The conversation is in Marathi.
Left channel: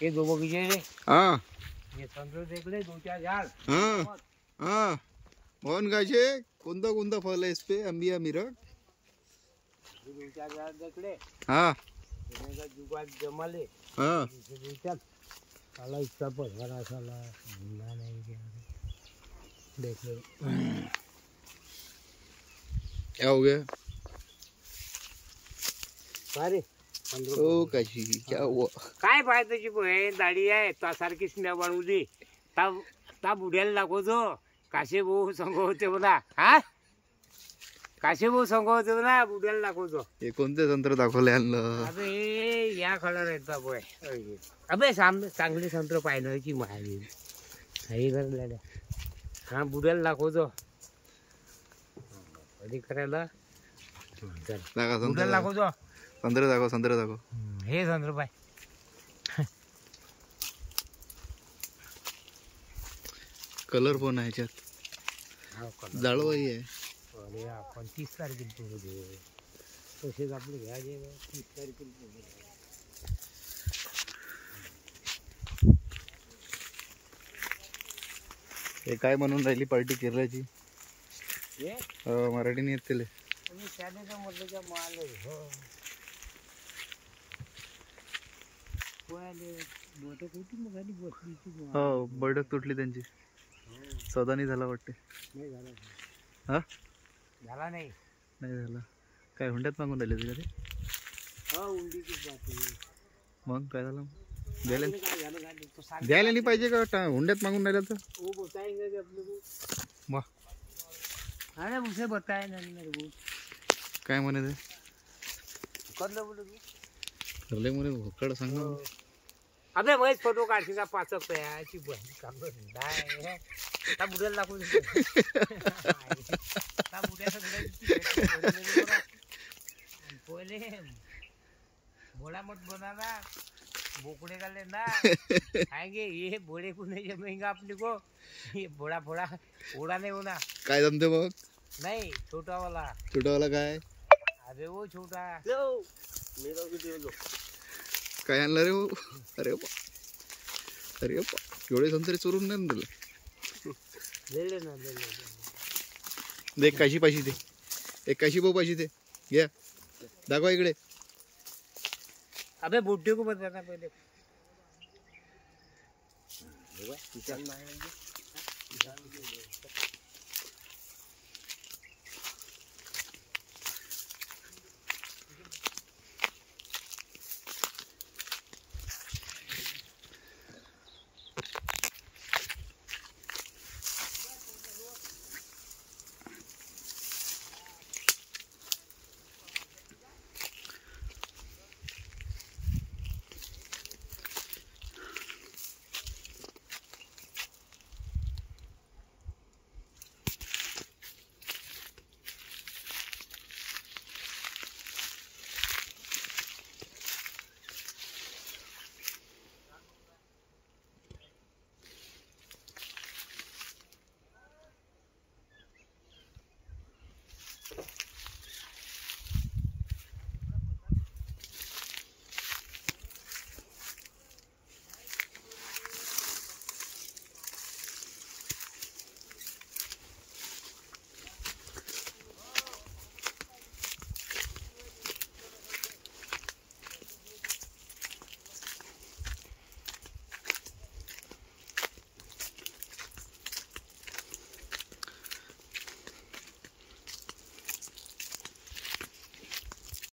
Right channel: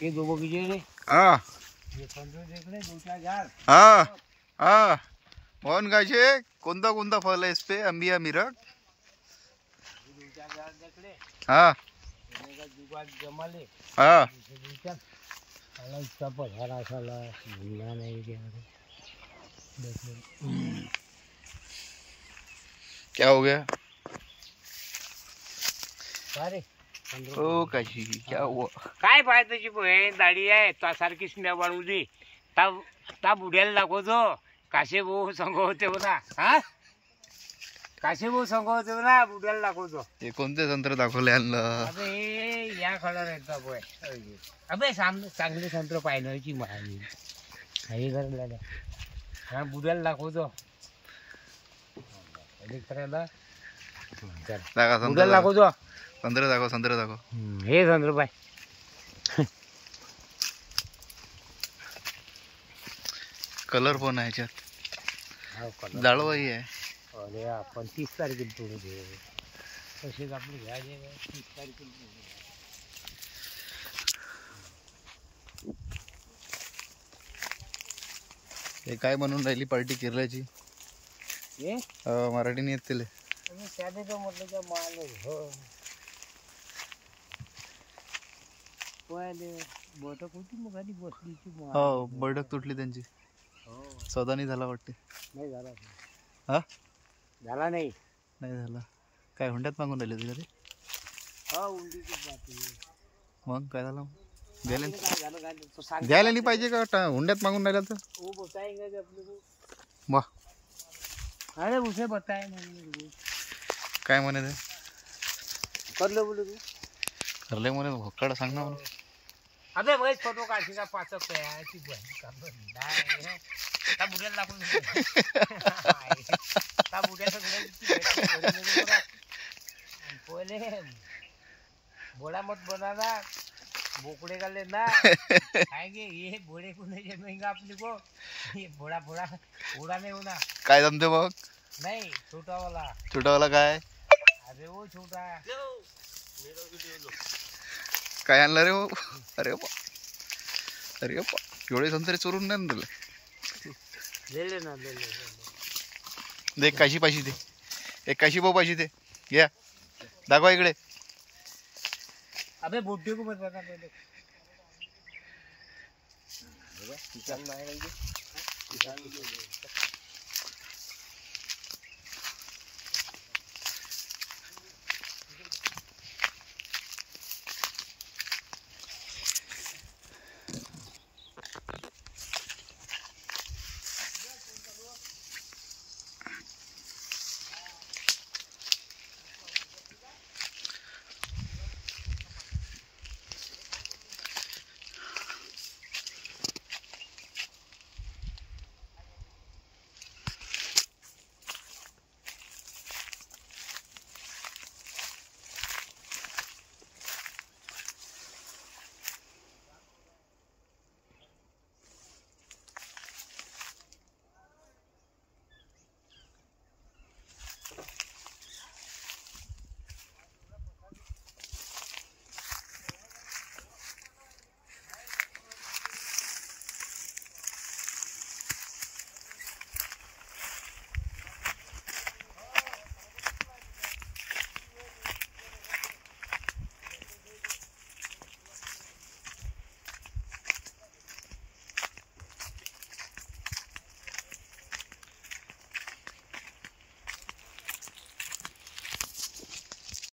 हे दोघं विजय रे हा हे संतोष इकडे 2-4 झाड हा हा मोहन गायचे कोणता कोणता फल आहे पे अंबिया मिरक 2-4 झाड इकडे हा जुगात जमाले हाँ साला इतना पधारा साला भूलना नहीं क्या देख लो क्या हो गया अरे ओ काशी क्या हुआ काय फायद्याची बहीण दाढी आहे त्यासारखी स्नेह बनवली ता बुड्याला दाखवतो काशे भाऊ संघ होते म्हणा हा काशे भाऊ संघ होते म्हणा बुड्याला दाखवतो हे कोणते संत्र दाखवले आणलं अबे हे या खडा येतात बोय अबे सामने चांगले संत्र पाहिण्याची माहिती हे करलेल्या हा बुड्याला दाखवतो अधिक करायला दाखवा संत्र बुड्याला दाखवतो संत्र दाखव हे संत्र पाय कलर पण आहे याच्यात जाळवाही आहे अरे आपण 30 तारखेला पुढे घेऊ तसेच आपले घ्यायचे 30 तारखेला पुढे हे काय म्हणून राहिली पार्टी केरळची ये मराठी नाही येत तिले त्याने तर म्हटलं का माल बोट कुठे मग आधी बसली हो बैठक तुटली त्यांची सौदा नाही झाला वाटते नाही झाला हा झाला नाही नाही झाला काय हुंड्यात मागून राहिले तुला ते हा उंडीचीच बाकी मग काय झालं द्यायला काय झालं काय तो सांग द्यायला नाही पाहिजे का हुंड्यात मागून राहिलं तर वो बताएंगे कि अपने को वा अरे उसे बताए नहीं मेरे को काय म्हणे ते कर लो बोले तू करले म्हणे भोकाड सांग ना मला अबे वही फोटो काढशील का पाचक याची बहीण काम नाही त्या बुड्याला दाखवून त्या बुड्याला पहिले बोड़ा मत बनाना बोकड़े का लेना आएंगे ये बोड़े को नहीं जमेगा अपने को ये बोड़ा बोड़ा बोड़ा नहीं होना काय जमते मग नहीं छोटा वाला काय अरे वो छोटा काय आणलं रे हो अरे बा एवढे संतरे चोरून नाही ना तुला ले लेना दे काशी पाशी दे एक काशी भाऊ पाशी दे घ्या दाखवा इकडे अबे बुड्ढे को बताना पहले